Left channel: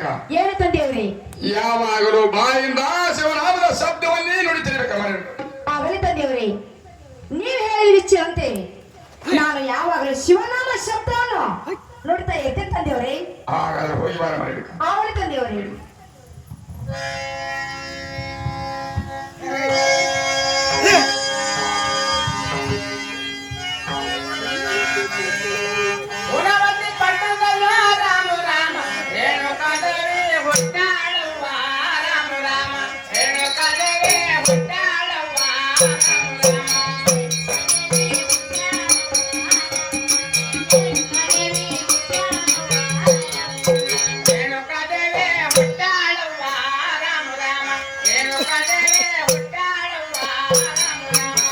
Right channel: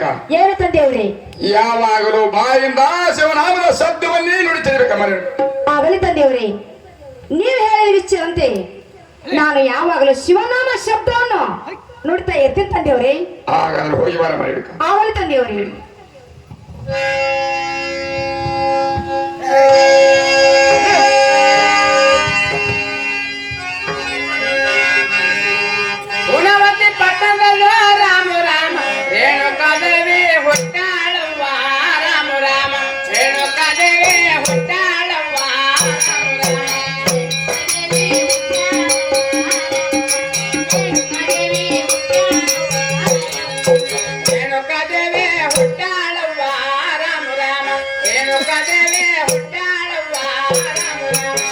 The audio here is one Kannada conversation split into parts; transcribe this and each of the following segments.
ಮಾಡಿಕ ಏನು ತಂದೆಯವ್ರಿ? ಯಾವಾಗಲೂ ಬಾಯಿಂದ ಶಿವನಾಮದ ಶಬ್ದವನ್ನೇ ನುಡಿತಿರ್ಬೇಕ ಮನೆ. ಆಗಲಿ ತಂದೆಯವ್ರಿ, ನೀವು ಹೇಳಿದ ವಿಚಾರಂತೆ ನಾನು ಯಾವಾಗಲೂ ಶಿವನಾಮ ಶಬ್ದವನ್ನು ನುಡಿತಾ ಇರ್ತೀನಿ ತಂದೆಯವ್ರಿ. ಹಾಗಾದ್ರೆ ಹೋಗಿ ಬಾರ ಮಾಡಿಕ. ಆಗಲಿ ತಂದೆಯವ್ರಿ. ಹುಣವತಿ ಪಟ್ಟಣದಲ್ಲೂ ರಾಮ ರಾಮ ರೇಣುಕಾದೇವಿ ಹುಟ್ಟಾಳವ್ವ ರಾಮ ರಾಮ ರೇಣುಕಾದೇವಿ ಹುಟ್ಟಾಳವ್ವ ರೇಣುಕಾದೇವಿ ಹುಟ್ಟಾಳವ್ವ ರಾಮ ರಾಮ ರೇಣುಕಾದೇವಿ ಹುಟ್ಟಾಳವ್ವ ರಾಮ ರಾಮ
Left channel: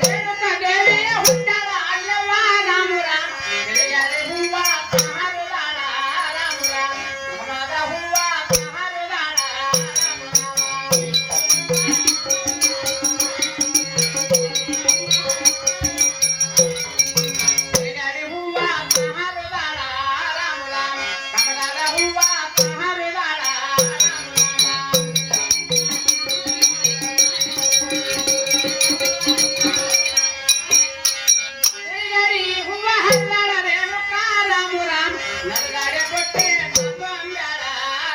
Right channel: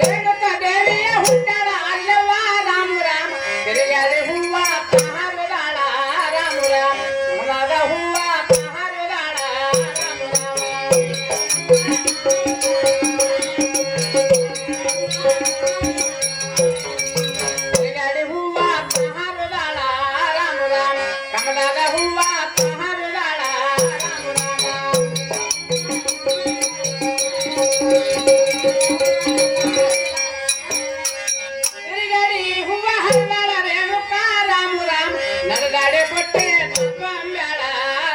ರೇಣುಕಾದೇವಿಯ ಹುಟ್ಟಾಳ ಅಲ್ಲವ್ವ ರಾಮ ರಾಮ ತಿರುಗಾಡಿ ಹೂವ ಹರಿದಾಳ ರಾಮ ರಾಮ ಮನದ ಹೂವ ಹರಿದಾಳ ತಿರುಗಾಡಿ ಹೂವ ಹರಿದಾಳ ರಾಮ ರಾಮ ಕಮಲದ ಹೂವ ಹರಿದಾಳ ತಿರುಗಾಡಿ ಹೂವ ಹರಿದಾಳ ರೇಣುಕಾ ರಾಮ ರಾಮ ನರಗಾಡೆ ಬೊಟ್ಟೆ ತತ್ವಂಬ್ಯಾಳ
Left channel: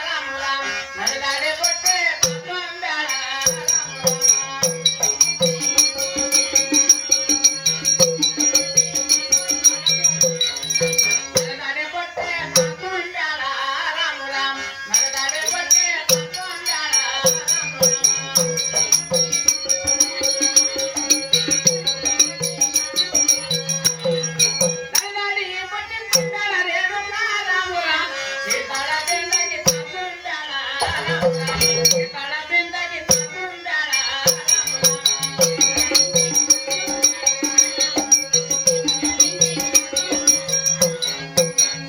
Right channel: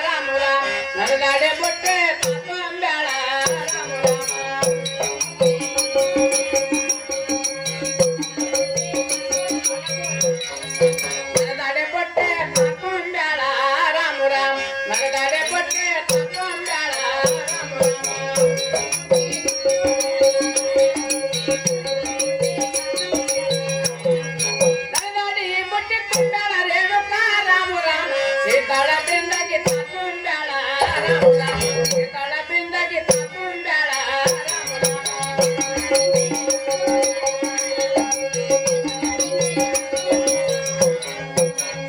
ರಾಮ ರಾಮ ನರಗಾಡೆ ಬೊಟ್ಟೆ ತತ್ವಂಬ್ಯಾಳ ನರಗಾಡೆ ಬೊಟ್ಟೆ ತತ್ವಂಬ್ಯಾಳ ರಾಮ ರಾಮ ನರಗಾಡೆ ಬೊಟ್ಟೆ ತತ್ವಂಬ್ಯಾಳ ನರಗಾಡಿ ಬೊಟ್ಟೆ ತುಂಬ್ಯಾಳ ರೇಣುಕಾ ರಾಮ ರಾಮ ಸೀತಾಳ ಬೆಂದಾಗಿ ತುಂಬ್ಯಾಳ ರಾಮ ರಾಮ ಸೀತಾಳ ಬೆಂದಾಗಿ ತುಂಬ್ಯಾಳ ರಾಮ ರಾಮ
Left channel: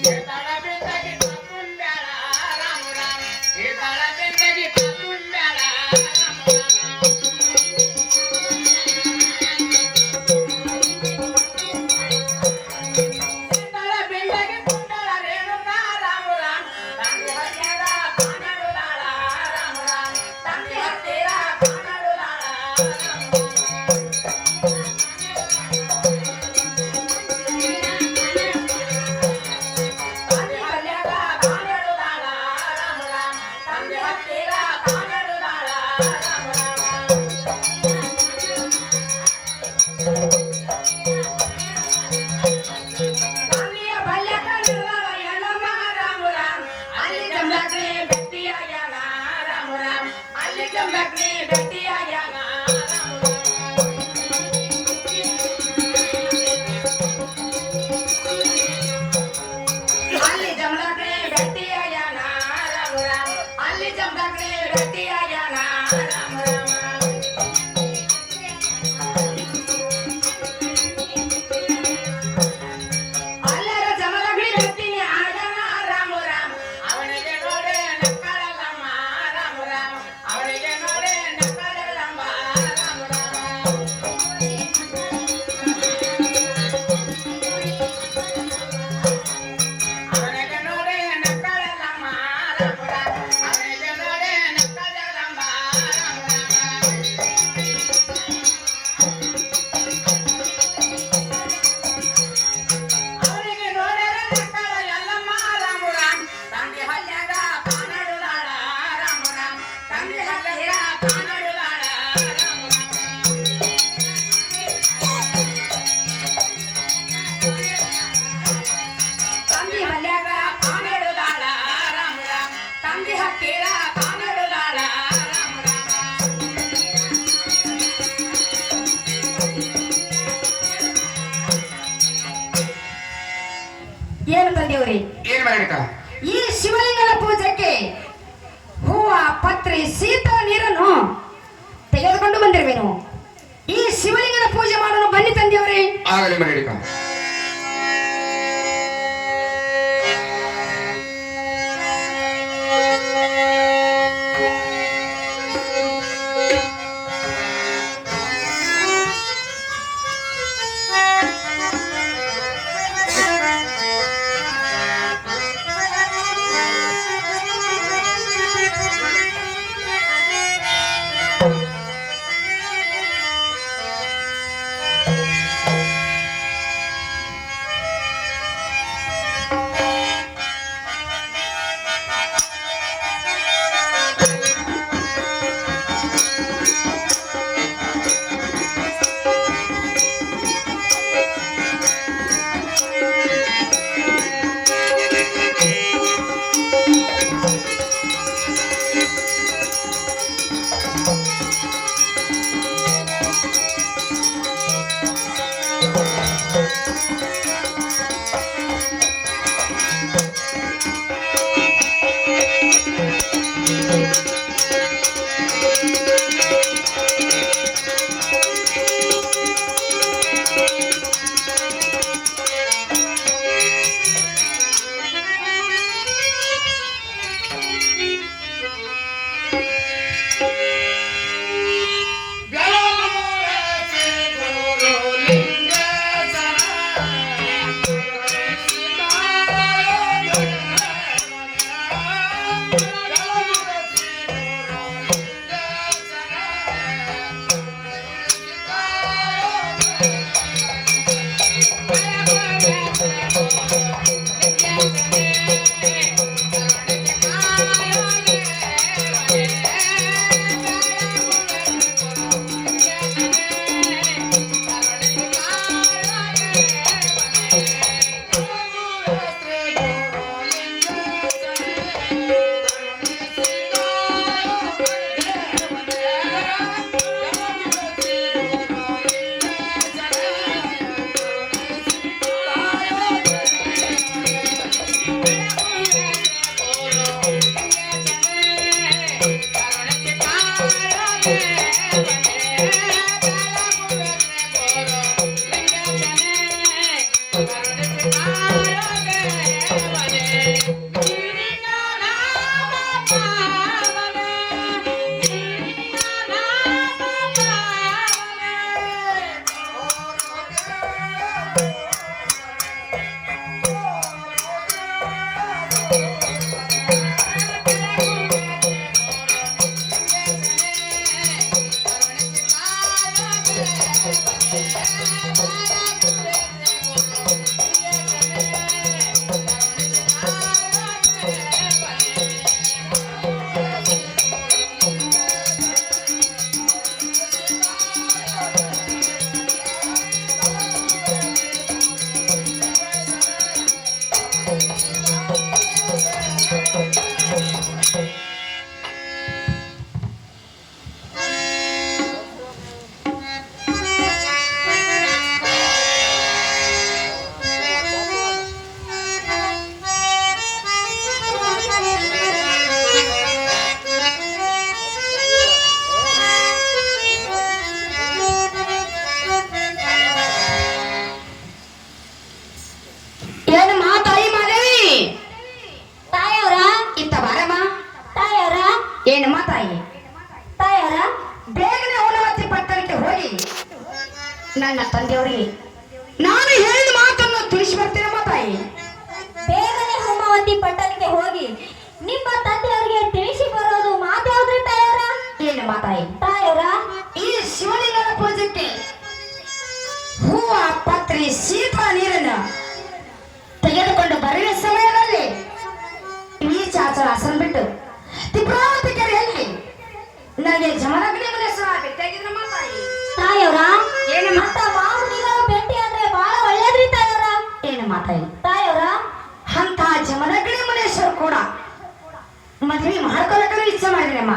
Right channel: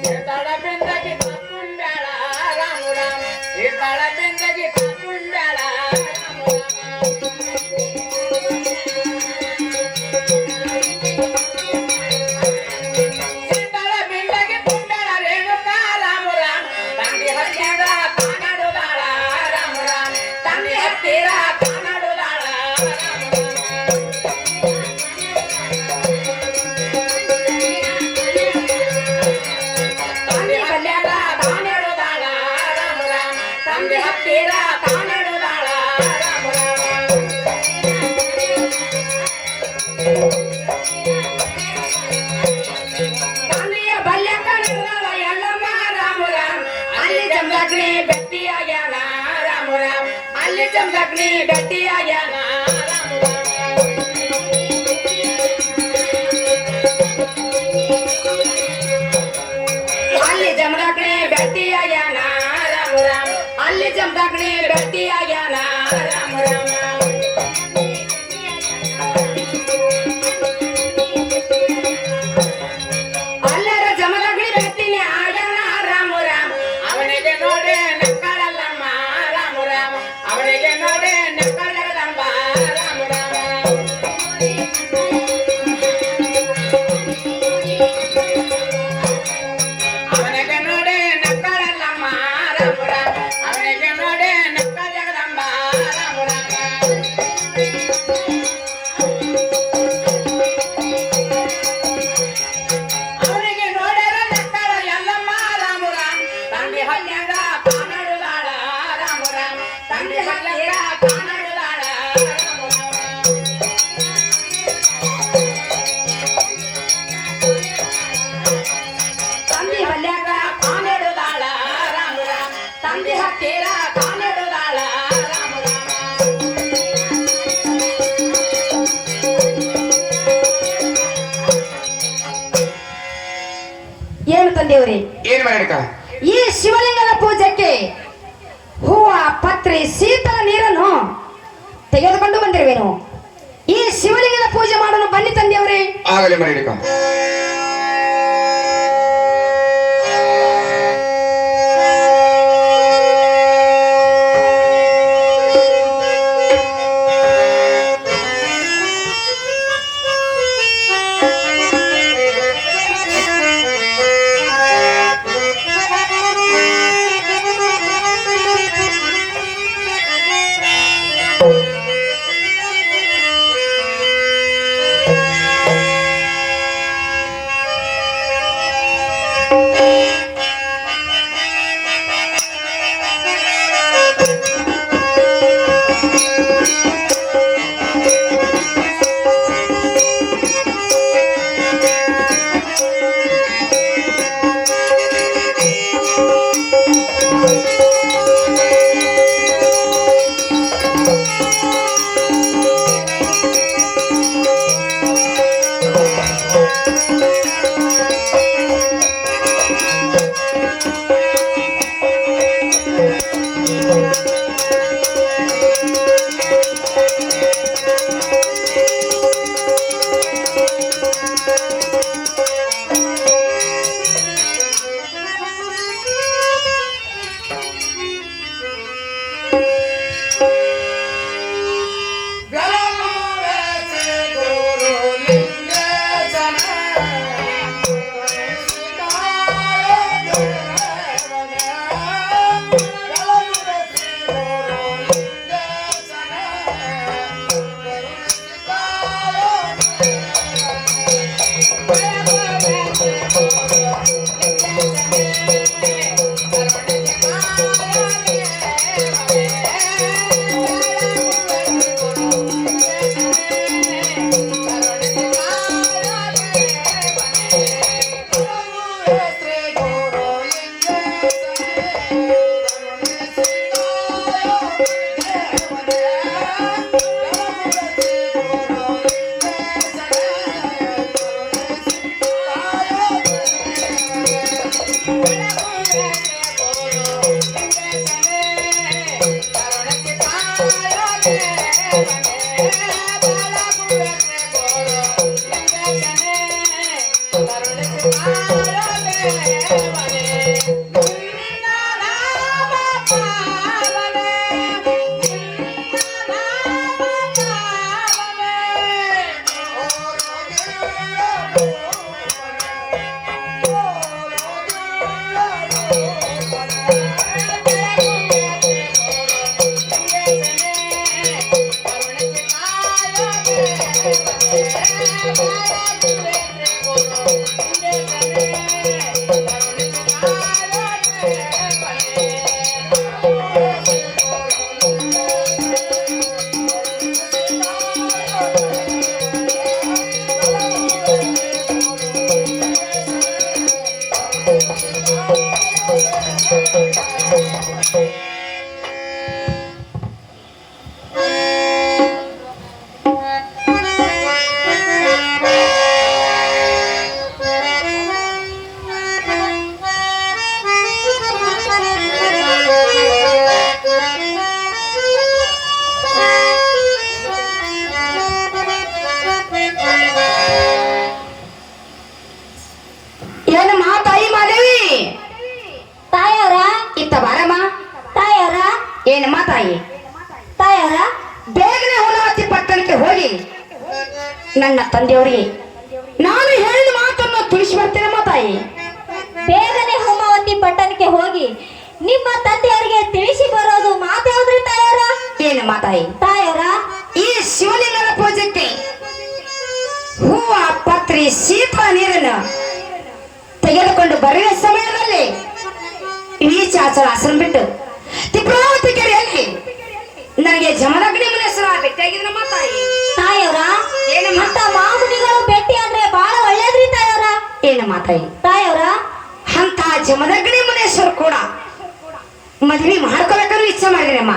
ಸೀತಾಳ ಬೆಂದಾಗಿ ತುಂಬ್ಯಾಳ ರಾಮ ರಾಮ ಸೀತಾಳ ಬೆಂದಾಗಿ ತುಂಬ್ಯಾಳ ರಾಮ ರಾಮ ಸೀತಾಳ ಬೆಂದಾಗಿ ತುಂಬ್ಯಾಳ ರೇಣುಕಾ ರಾಮ ರಾಮ ತಂಗಿ ಹತ್ತಿರ ಕಾನಾಡುದಾಳ ರಾಮ ರಾಮ ತಂಗಿ ಹತ್ತಿರ ಕಾನಾಡುದಾಳ ತಂಗಿ ಹತ್ತಿರ ಕಾನಾಡುದಾಳ ರಾಮ ರಾಮ ತಂಗಿ ಹತ್ತಿರ ಕಾನಾಡುದಾಳ ರಾಮ ರಾಮ ತಂದೆಯ ಬಲ್ಯ ಕಣ್ಣುಗಳ ಎಲ್ಲಮ್ಮ ರಾಮ ರಾಮ ಅಲ್ಲಿ ಜಮದಗ್ನಿ ಭೇಟಿಯಾಗ್ಯಾನ ರಾಮ ರಾಮ ಅಲ್ಲಿ ಜಮದಗ್ನಿ ಭೇಟಿಯಾಗ್ಯಾನ ಅಲ್ಲಿ ಜಮದಗ್ನಿ ಭೇಟಿಯಾಗ್ಯಾನ ರಾಮ ರಾಮ ಅಲ್ಲಿ ಜಮದಗ್ನಿ ಭೇಟಿಯಾಗ್ಯಾನ ರಾಮ ರಾಮ ಅಲ್ಲರ ಜಮದಗ್ನಿ ಭೇಟಿನೇ ಆಗ್ಯಾನ ರಾಮ ರಾಮ ಅವನಿಗೆ ನೋಡೆ ನಕ್ಕಳಲ್ಲಮ್ಮ ರಾಮ ರಾಮ ಅವನಿಗೆ ನೋಡೆ ನಕ್ಕಳಗದಂಬ ರಾಮ ರಾಮ ಅವನಿಗೆ ನೋಡೆ ನಕ್ಕಳಲ್ಲಮ್ಮ ರಾಮ ರಾಮ ಅವನಿಗೆ ನೋಡೆ ನಕ್ಕಳಗದಂಬ ರಾಮ ರಾಮ ಅವನಿಗೆ ನೋಡ್ಯಾರ ನಕ್ಕಳ ಎಲ್ಲಮ್ಮ ರಾಮ ರಾಮ ತಂದೆ ಹಲ್ಯಾಗ ಕಾನಾಡುದಾಳ ರಾಮ ರಾಮ ತಂದೆ ಹಲ್ಯಾಗ ಕಾನಾಡುದಾಳ ರಾಮ ರಾಮ ತಂದೆ ಹಲ್ಯಾಗ ಕಾನಾಡುದಾಳ ರಾಮ ರಾಮ ತಂದೆ ಹತ್ತಿರ ಕಾನಾಡುದಾಳ ರಾಮ ರಾಮ ಏನು ತಂದೆಯವ್ರಿ? ಏನ್ ಮಾಡಿಕ? ಈ ಶಿವಲಿಂಗನ ಪೂಜೆಗೆ ಹೂವ ಪತ್ರೆ ಶೀತಲ ನೀರನ್ನು ತೆಗೆದುಕೊಂಡು ಬಂದಿರುವೆನು. ಈ ಶಿವಲಿಂಗನ ಪೂಜೆ ಮಾಡಲು ಬನ್ನಿ ತಂದೆಯವರೇ. ಆಗಲಿ ಮಾಡಿಕ. ಏನಮ್ಮ ತಾಯಿ? ತಾಯರ ಬೇಗನೆ ಹುಣವತಿ ಪಟ್ಟಣಕ್ಕೆ ಹೋಗಿ ನನ್ನ ತಂದೆಯವರಿಗೆ ನಾನು ಹೇಳಿದ ಮಾತನ್ನು ತಿಳಿಸಿ ಬರ್ತೇನಮ್ಮ ತಾಯಿ. ಬೇಗನೆ ಹೋಮಾವತಿ ಪಟ್ಟಣಕ್ಕೆ ಹೋಗಿ ನಿಮ್ಮ ತಂದೆಯವರಿಗೆ ತಿಳಿಸಿ ಬರೋದು ಮಾತಾಡ್ರಿ ತಾಯರ. ಏನಮ್ಮ ತಾಯಿ? ತಾಯರ ಈ ಶಿವಲಿಂಗನ ಪೂಜೆಗೆ ಹೂವ ಪತ್ರಿ ಶೀತಲ ನೀರನ್ನು ತೆಗೆದುಕೊಂಡು ಬರೆಯುವ ಸಮಯದಲ್ಲಿ ಈಚಾಚರ ಹಸನ್ ಬಿಟ್ಟು ತಿಪ್ರಾವತಿ ಕೆರೆಯಲ್ಲಿ ನನಗೆ ಜಮದಗ್ನಿ ಮುನೇಶ್ವರ ಭೇಟಿಯಾಗಿದ್ರಮ್ಮ ತಾಯಿ. ತಾಯರ ಏನಮ್ಮ? ಅಂತ ಮಾಮುನಿಗಳು ಭೇಟಿ ಅಂದ್ರೆ ಬಹಳ ಒಳ್ಳೇದ್ರಿ ತಾಯರ. ಏನಮ್ಮ ತಾಯಿ? ತಾಯರ ಅಂತ ಜಮದಗ್ನಿ ಮುನೇಶ್ವರ ಕೂಡ ಮದುವೆ ಮಾಡ್ಕೋಬೇಕಾದ್ರೂ ಇಚ್ಛೆ ಮಾಡಿದ್ರಮ್ಮ.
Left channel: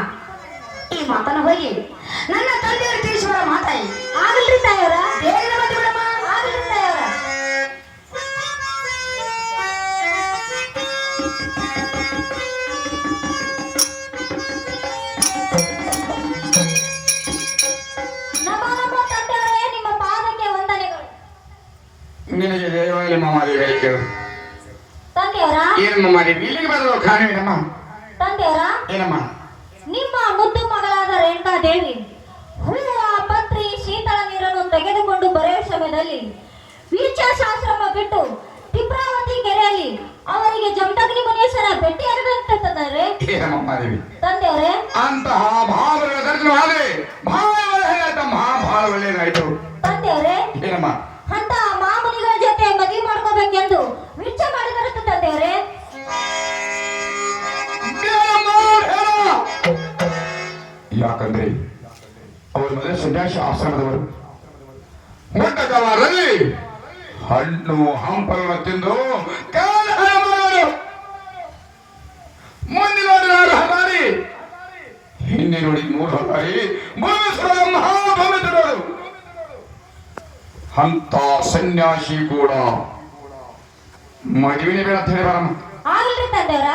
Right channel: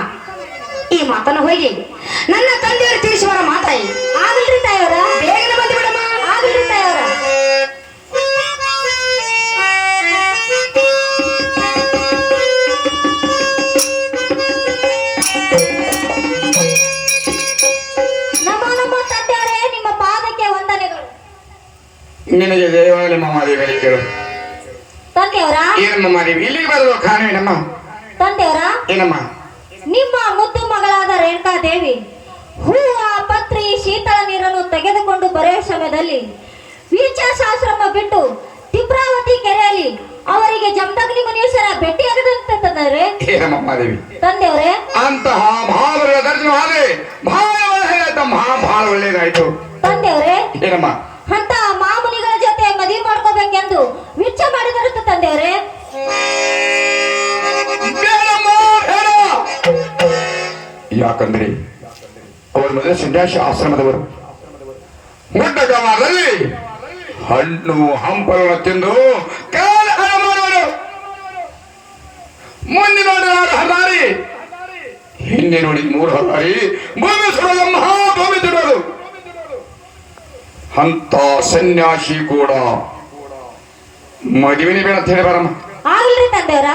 ಈ ಮಾತನ್ನು ಹೋಗಿ ನನ್ನ ತಂದೆಯವರು ತಿಳಿಸಿ ಬರ ಮಾತಾಯಿ. ಆಗಲ್ರಿ ತಾಯರ. ಬೇಗನೆ ಬಂದು ಬಿಡಮ್ಮ. ಆಗಲ್ರಿ ತಾಯರ. ನಮ್ಮ ತಂದೆಯವರೇ, ನಿಮ್ಮ ಪಾದಕ್ಕೆ ವಂದನೆಗಳು. ನಿನಗೆ ದೇವಾಲಯ ಮಾದೇವಿ ಕೇಳು. ತಂದೆಯವರ ಏನಮ್ಮ ಮಾದೇವಿ ಇಲ್ಲಿಗೆ ಬರುವ ಕಾರಣವೇನಮ್ಮ? ತಂದೆಯವರ ಏನಮ್ಮ? ನಿಮ್ಮ ಮುದ್ದು ಮಗಳಾದ ರೇಣುಕಾ ದೇವಿ ಹೂವ ಪತ್ರಿ ಶೀತಳ ನೀರನ್ನು ತೆಗೆದುಕೊಂಡು ಬರೆಯುವ ಸಮಯದಲ್ಲಿ ವೀಚಾಶಾಶ್ರಮ ಬಿಟ್ಟು ತಿಪ್ರಾವತಿ ಕೆರೆಯಲ್ಲಿ ಅವರಿಗೆ ಜಮದಗ್ನಿ ಮುನೀಶ್ವರ ಭೇಟಿಯಾಗದಂತೆ ತಂದರೆ ಏನಮ್ಮ ಮಾದೇವಿ ತಂದೆಯವರೇ, ಅಂತಹ ಮಹಾಬಲ ದರ್ಶನ ಆದ್ರೆ ಬಹಳ ಒಳ್ಳೆಯದಾಯ್ತು. ತಂದೆಯವರೇ, ಏನಮ್ಮ? ಅಂತ ಮಾಮುನಿಗಳ ಜೊತೆ ಮದುವೆ ಮಾಡ್ಕೋಬೇಕೆಂದು ವಿಚಾರ ಮಾಡಿದರಂತೆ ತಂದೆಯವರೇ. ಯಾಕಂದ್ರೆ ಅವರು ಮೊದಲ ಸನ್ಯಾಸಿ ಆಶ್ರಮದವರು. ಮುಟ್ಟಕವಾದಲ್ಲಿ ಹಣ್ಣು ಹಂಪಲನ್ನು ತಿಂದು ಕಾಲ ಹಾಳು ಮಾಡುವರು. ಮುಂದೆ ನೋಡಿ ಹರಾರಿ, ಹಿಂದೆ ನೋಡಿ 3 ಹರಾರಿ ಭೂಮಿ ಸುಡಲು ಮಹಾಭೂಮಿ ತಿರುವುದು. ಅಂತ ಸನ್ಯಾಸಿ ಕೂಡ ಮದುವೆನೇ ಬೇಡ ಅಂತ ಹೇಳಿ ಬರಮ್ಮ. ಆಗಲ್ರಿ ತಂದೆಯವ್ರ.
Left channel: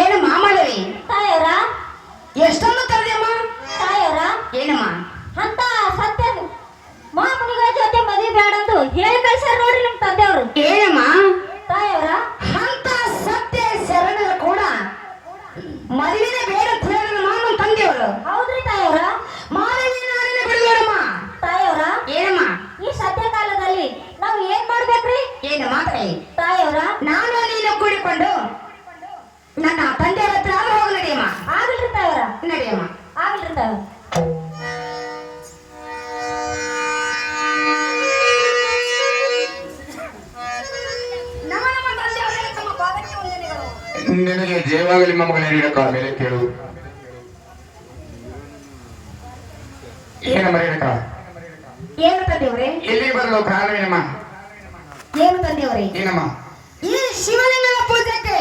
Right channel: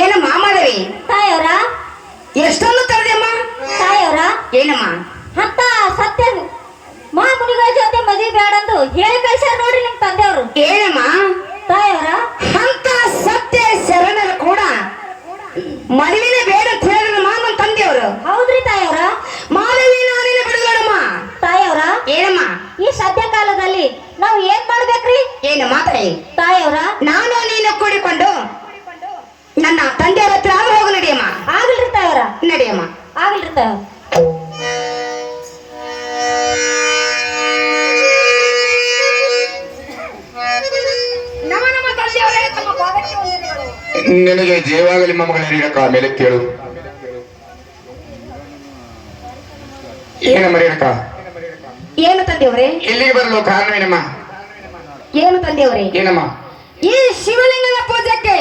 ಏನಮ್ಮ ಮಾಧವಿ, ತಾಯವ್ರ, ಎಷ್ಟೊಂದು ತರದಮ್ಮ? ತಾಯವ್ರ, ಏನಮ್ಮ? ಅಂತ ಸತ್ಯ ಮಹಾಮುನಿಗಳ ಜೊತೆ ಮದುವೆ ಬೇಡಂದು ಹೇಳಿ ಕಳ್ಸ್ಯಾರ ನೋಡ್ರಿ ನಿಮ್ ತಂದೆಯವರು. ಏನಮ್ಮ? ತಾಯವ್ರ, ಅಂತ ಸತ್ಯ ಶರಣರು ಕೂಡ ಮದುವೆನೇ ಬೇಡ ಅಂತ ಹೇಳಿದ್ರಮ್ಮ ನಮ್ಮ ತಂದೆಯವರು. ಹೌದ್ರಿ ತಾಯವ್ರ. ಮಾಧವಿ ನಾನೇನ ಬಿಡುಗಡಮ್ಮ. ತಾಯವ್ರ, ಏನಮ್ಮ? ಈ ಸದ್ಯ ಕಾಲದಲ್ಲಿ ನಾವು ಏನ್ ಮಾಡ್ಬೇಕ್ರಿ? ಏನು ಮಾತಾಡಿ? ತಾಯವ್ರ, ನಾನು ನೀನು ಕೂಡಿಕೊಂಡು ನನ್ನ ತಂದೆಯವರ ಹತ್ರ ಆದ್ರೆ ಹೋಗು ನಡಿಯಮ್ಮ. ಆಗಲ್ರಿ ತಾಯವ್ರ. ನಡಿಯಮ್ಮ. ಆಗಲ್ರಿ ತಾಯವ್ರ. ನಮ್ಮ ನಮ್ಮ ತಂದೆಯವರೇ ತಮ್ಮ ಪಾದಕ್ಕೆ ವಂದನೆಗಳು. ನಿನಗೆ ಜೀವಾಗಲಿ ಮಮ್ಮಗಳೇ ರೇಣುಕ, ಮೇಲೆ ಕೇಳು. ಏನಮ್ಮ ರೇಣುಕ, ಏನು ತಂದೆಯವರೇ? ಇಲ್ಲಿಗೆ ಬರಲು ಕಾರಣವೇನಮ್ಮ? ಏನು ತಂದೆಯವರೇ? ಏನಮ್ಮ? ಈ ಶಿವಲಿಂಗನ ಪೂಜೆಗೆ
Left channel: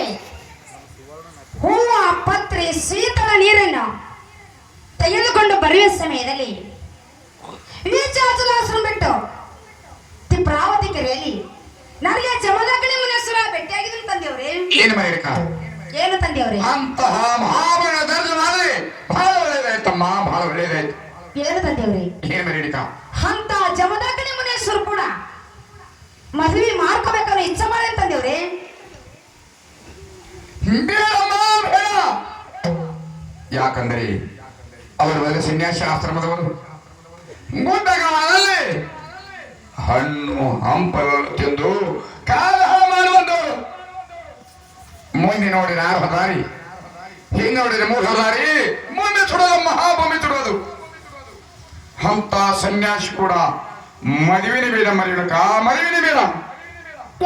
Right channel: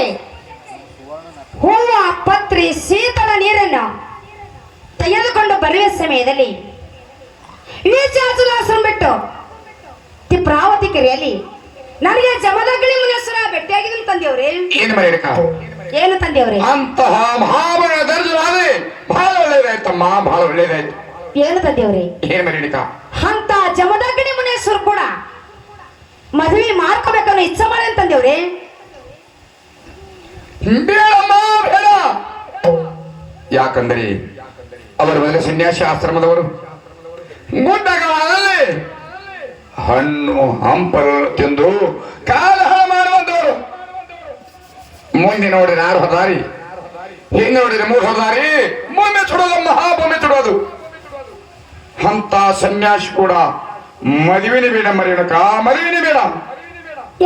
ಹೂವ ಪತ್ರಿ ಶೀತಳ ನೀರನ್ನು ತೆಗೆದುಕೊಂಡು ಬರುವ ಸಮಯದಲ್ಲಿ ಈಚಾಚುಲಾಸನ ಬಿಟ್ಟು ತಿಪ್ರಾವತಿ ಕೆರೆಯಲ್ಲಿ ನನಗೆ ಜಮದಗ್ನಿ ಮುನಿಯಸನ ಭೇಟಿಯಾಗಿದ್ದೀನಿ ತಂದೆಯವರೇ. ಏನಮ್ಮ ರೇಣುಕ? ಏನು ತಂದೆಯವರೇ? ಅಂತಹ ಮಹಾಬಲ ದರ್ಶನವಾದ್ರೆ ಬಹಳ ಒಳ್ಳೇದಾಯ್ತಮ್ಮ, ಬಹಳ ಒಳ್ಳೇದಾಯ್ತು. ಏನು ತಂದೆಯವರೇ? ಏನಮ್ಮ ರೇಣುಕ? ಅಂತ ಜಮದಗ್ನಿ ಮುನಿಯಸರು ಕೂಡ ಮದುವೆ ಮಾಡ್ಕೋಬೇಕನ್ನೋ ಇಚ್ಛೆ ಮಾಡಿ ತಂದೆಯವರೇ. ಬೇಡಮ್ಮ, ಬೇಡ. ಯಾಕಂದರೆ ಅವರ ಮೇಲೆ ಸನ್ಯಾಸಿ ಆಶ್ರಮದವರು ಗುಡ್ಡಗಳಲ್ಲಿ ಹಣ್ಣು ಹಂಪಲ ತಿಂದು ಕಾಲಹಳ ಮಾಡುವಂತವರು. ಮುಂದೆ ನೋಡಿದ್ರೆ 6 ದಾರಿ, ಹಿಂದೆ ನೋಡಿದ್ರೆ 3 ದಾರಿ, ಮುಂದೆ ಸುಡೋದು ಮಹಾಭೂಮಿ ಸುಡೋದು. ಅಂತ ಸನ್ಯಾಸಿ ಕೂಡ ಮದುವೆನೇ ಬೇಡ ಮರಿಯಣಕ, ಮದುವೆನೇ ಬೇಡ.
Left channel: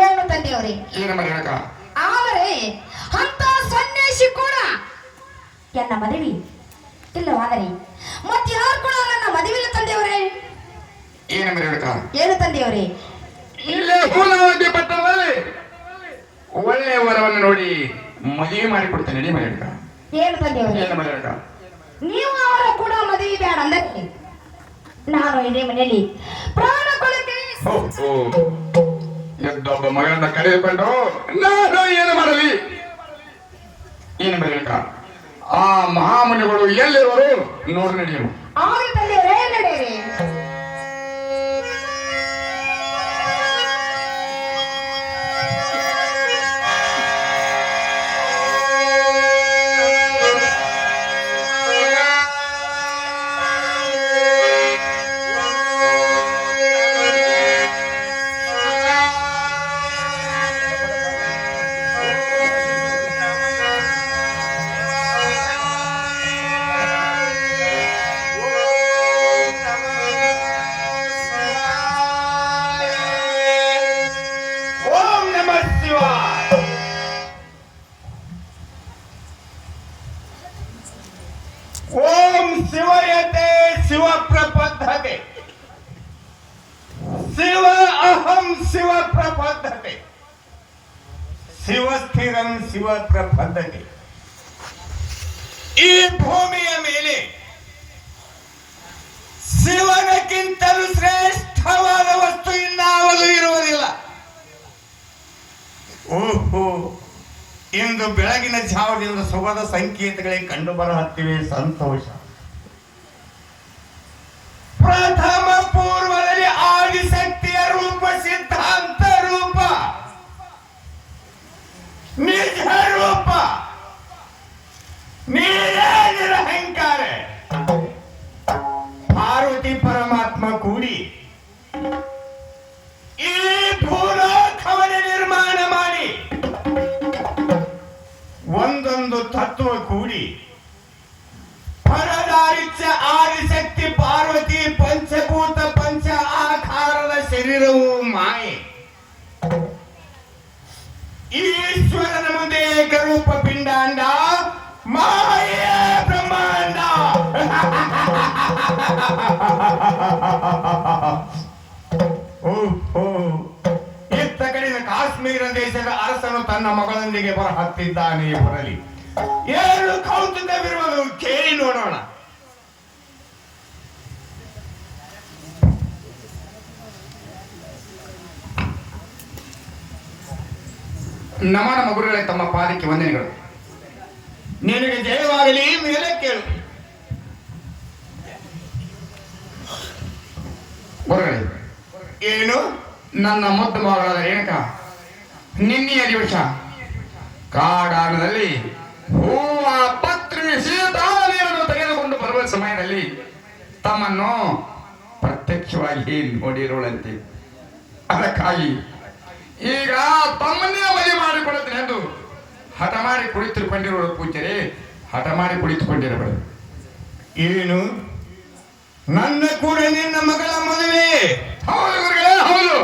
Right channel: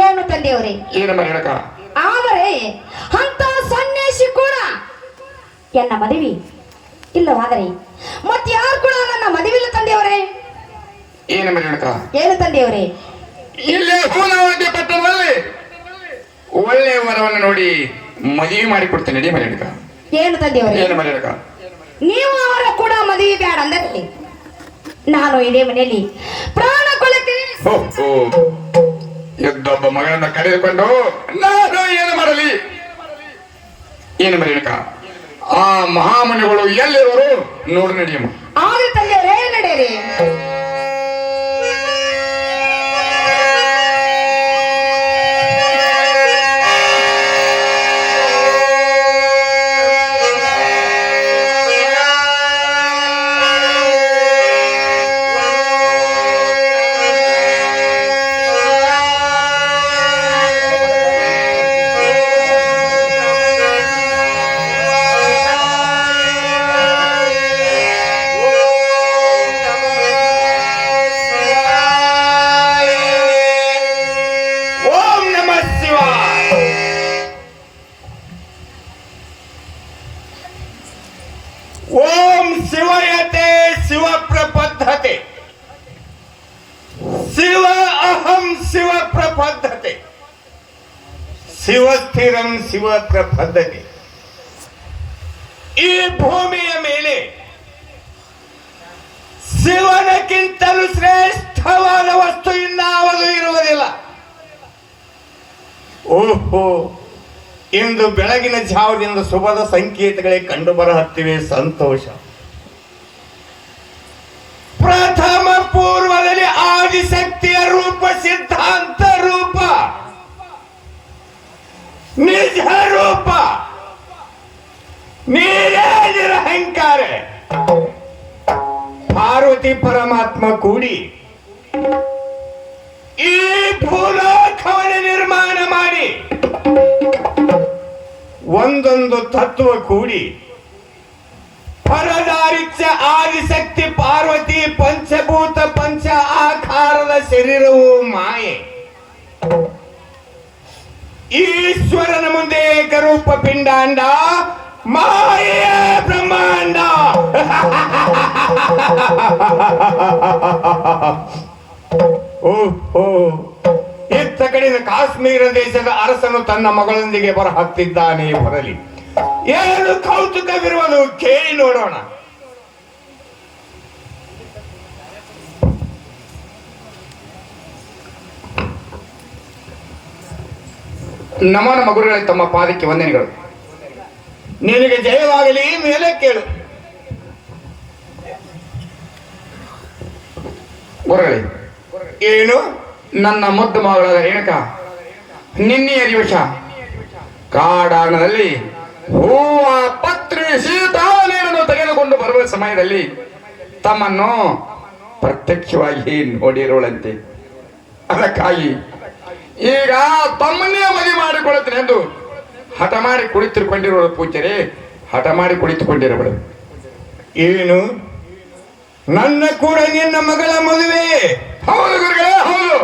ಏನು ತಂದೆಯವರೇ? ಏನು ಮರಿಯಣಕ? ಆದರೆ ಅಂತ ಸನ್ಯಾಸಿ ಕೂಡ ಎನ್ನ ಮದುವೆ ಇಲ್ಲವಾದರೆ ಮತ್ತೆ ಯಾರು ಕೂಡ ನನ್ನ ಮದುವಿಲ್ಲ ತಂದೆಯವರೇ. ಏನು ಮರಿಯಣಕ? ಏನು ತಂದೆಯವರೇ? ಇಲ್ಲೇ ಹೂನವದ್ಯ ಪಟ್ಟಣದಲ್ಲಿ ಒಳ್ಳೆ ಮರವನ್ನು ನೋಡಿ ಮದುವೆ ಮಾಡಿ ಕೊಡ್ತೇನೆ ನಡಿ ಮರಿಯಣಕ. ಏನು ತಂದೆಯವರೇ? ಏನು ಮರಿಯಣಕ? ನೀವು ಅವರ ಕೂಡ ಮದುವೆ ಬೇಡ ಅಂದರೆ ನಾನು ಇದೇ ಮನೆಯಲ್ಲಿ ಪ್ರಾಣ ಕೊಳಕ್ಕೆ ಎದ್ದೊಬ್ಬ ಮಗಳನ್ನ ಕರೆದುಕೊಂಡು ನಾನು ಏನು ಮಾಡಲಿ? ಏನು ಮರಿಯಣಕ? ಆ ಮಹಾಮುನಿಗಳು ಎಲ್ಲಿರುವರು ನೋಡು ನಡೆಯಮ್ಮ. ಆಗ ತಂದೆಯವರೇ ನಡೆಯಿರಿ. ಓಂ ಶಿವಯತೆ ಶಿವಪ್ರಪದ್ಧತೆ ಶಿವ ಅಹಂ ಶಿವಪ್ರಪದ್ಧತೆ ಶಿವಸ್ಥಿರಂ ಶಿವಪ್ರಪದ್ಧತೆ. ಈ ಭೂಮಿಯ ಮೇಲೆ ಶಿವನಕ್ಕಿಂತಲೂ ಶ್ರೇಷ್ಠವಾದ ವಸ್ತು ಇನ್ನಾವುದು ಇರುವುದಿಲ್ಲ. ಓಹೋ, ಇಂದು ಬೆಳಗಿನ ಜಾವದಿಂದ ಶುಭದ ಸಂಕೇತಗಳೇ ಕಂಡು ಬರಹತ್ತಿವೆ. ಸಂತೋಷ. ಪ್ರಥಮ ಪೂರ್ವದಲ್ಲಿ ಆದಿಶಕ್ತಿಯ ರೂಪ, ಸಿದ್ಧಾಂತ ರೂಪ, ನಿಜ ರೂಪ, ನೀರೇ ನಿರಹಂಕಾರ ಪಾರ್ವತಿ ಪರಮಾತ್ಮ ಕೂಡಿ ಈ ಭೂಲೋಕವನ್ನು ನಿರ್ಮಾಣ ಮಾಡಿ ಒಂದೊಂದು ತತ್ವ ಕೂಡಿ ಪರದಾರಿಚ್ಯ ಆದಿಶಕ್ತಿ ಪಾರ್ವತಿ ಪಂಚಭೂತ ಪಂಚ ಆಕಾರದ ಶರೀರವು ಮಾಯೆ. ಈಶ್ವರನ ಮುಂದೆ ಏಕರೂಪ ಪಿಂಡಾಂಡ ಮಾಯೆಯ ಬ್ರಹ್ಮಾಂಡ. ಓಹೋ, ಇತ್ತ ಕಡೆಯಿಂದ ಕಾಶ್ಮೀರ ದೇಶದ ಅರಸನು ತನ್ನ ಮಗಳೊಂದಿಗೆ ಬರಹತ್ತಿದ್ದಾನೆ. ಬರಲಿ. ಏನು ಕೌತುಕವಿರುವನು ಕೇಳಿ ನೋಡೋಣ. ನಮೋ ನಮ್ಮ ಗುರುಗಳೇ, ತಮ್ಮ ಪಾದಕ್ಕೆ ವಂದನೆಗಳು. ನಿನಗೆ ಜಯವಾಗಲಿ. ಮೇಲೆ ಕೇಳು. ಗುರುಗಳೇ, ಏನು? ನನ್ನ ಮುದ್ದು ಮಗಳಾದ ರೇಣುಕ ನಿನ್ನೆಯ ದಿವಸ ಕಾಡಾಣದಲ್ಲಿ ಹೂವ ಪತ್ರಿ ಸೀತಾನೇರನ್ನು ತೆಗೆದುಕೊಂಡು ಬರುವ ಸಮಯದಲ್ಲಿ ತಮ್ಮನ್ನು ಪ್ರತ್ಯಕ್ಷವಾಗಿ ನೋಡಿರೋಳಂತೆ. ಅದಕ್ಕಾಗಿ ಈಗ ತಮ್ಮನ್ನೇ ಮದುವೆ ಮಾಡಿಕೊಳ್ಳುತ್ತೇನೆ ಎಂದು ಹಠ ಮಾಡಿ ಕುಳಿತುಕೊಂಡಿರೋಳು ಪೂಜಾರಿ, ಹಠ ಮಾಡಿ ಕುಳಿತುಕೊಂಡಿರೋಳು. ಏನು? ನನ್ನ ಕೂಡ ನಿನ್ನ ಮಗಳ ಮದುವೆ? ಹೌದು ಗುರುಗಳೇ, ಹೌದು.